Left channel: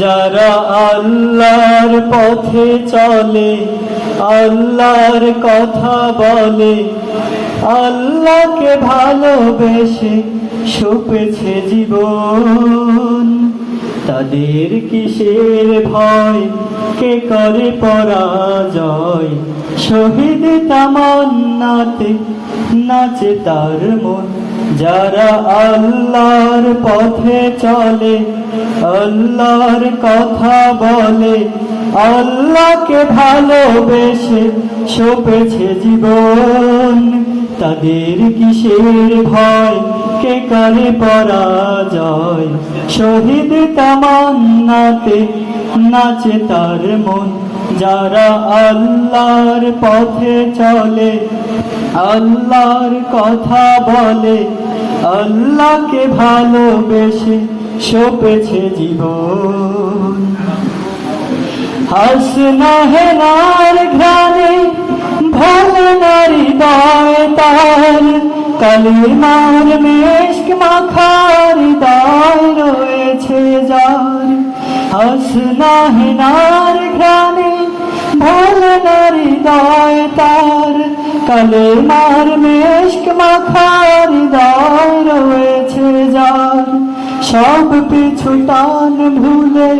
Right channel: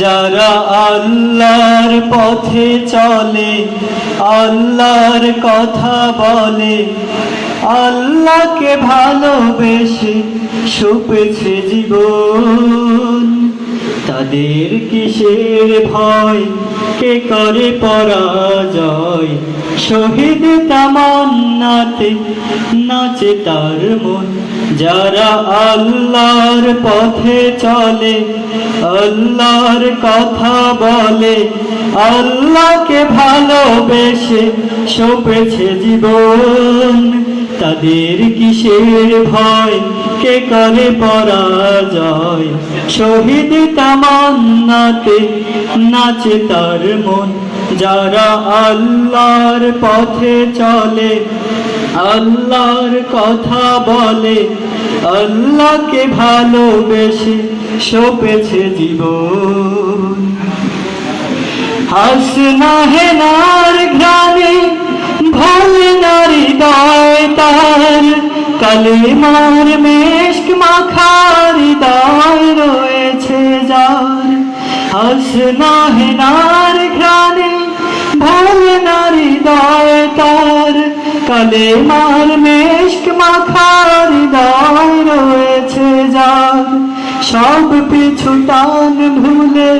যারা আল্লাহর পথে চলে, আল্লাহর কথা বলে, আল্লাহকে ভালোবেসে সপেছে জীবন, তাদের কিসের ভয়, কে করে পরাজয়? শহীদ তামান্নাতে নাচে তার মন। যারা আল্লাহর পথে চলে, আল্লাহর কথা বলে, আল্লাহকে ভালোবেসে সপেছে জীবন, তাদের কিসের ভয়, কে করে পরাজয়? শহীদ তামান্নাতে নাচে তার মন। যারা আল্লাহর পথে চলে, আল্লাহর কথা বলে, আল্লাহকে ভালোবেসে সপেছে জীবন। হাসনা হেনার ঘ্রাণে ভরে নারী হৃদয় তার, কালিমার মেশক মাখা হৃদয় রয়েছে যার। হাসনা হেনার ঘ্রাণে ভরে নারী হৃদয় তার, কালিমার মেশক মাখা হৃদয় রয়েছে যার। সব পিছু টান ভুলে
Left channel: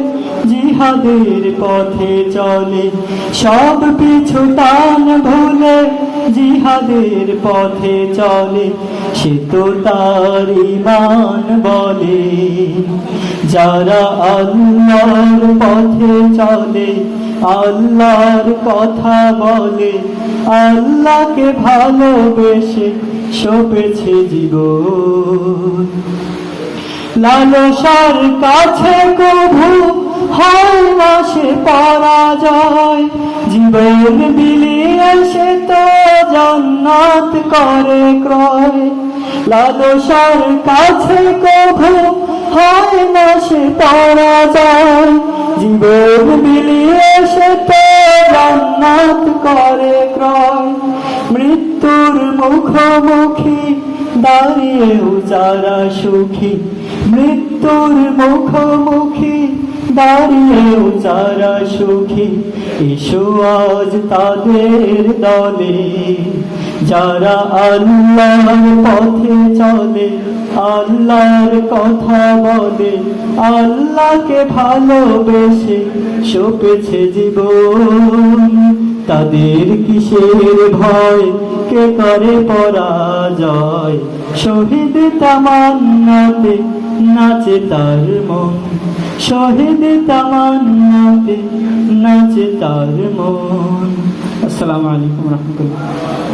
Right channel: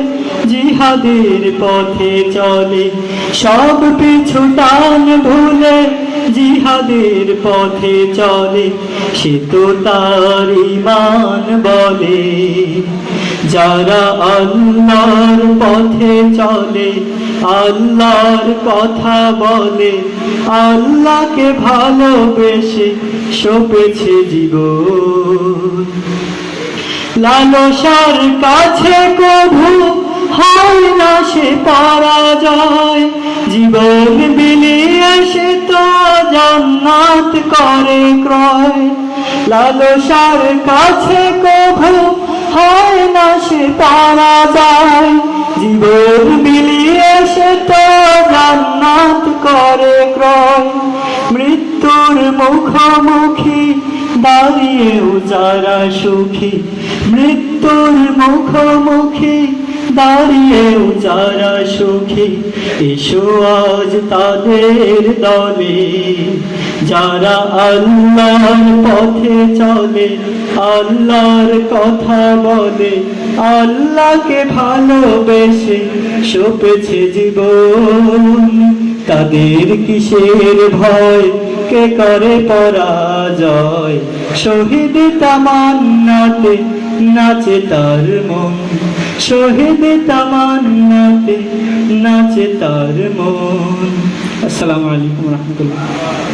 জিহাদের পথে চলে, সব পিছু টান ভুলে জিহাদের পথে চলে, সে তো তার ঈমান বলে। যারা আল্লাহর পথে চলে, আল্লাহর কথা বলে, আল্লাহকে ভালোবেসে সপেছে জীবন। লালসার কাছে কভু হয় না সে পরাজয়, জীবন বিলিয়ে সে তো জান্নাত করে ক্রয়। লালসার কাছে কভু হয় না সে পরাজয়, জীবন বিলিয়ে সে তো জান্নাত করে ক্রয়। মৃত্যুর মুখোমুখি দাঁড়িয়েও যারা সুখী, মৃত্যুর মুখোমুখি দাঁড়িয়েও যারা সুখী, এসো আজ তাদের দলে। যারা আল্লাহর পথে চলে, আল্লাহর কথা বলে, আল্লাহকে ভালোবেসে সপেছে জীবন, তাদের কিসের ভয়, কে করে পরাজয়? শহীদ তামান্নাতে নাচে তার মন, শহীদ তামান্নাতে নাচে তার মন। আসসালামু আলাইকুম ওয়া রাহমাতুল্লাহ।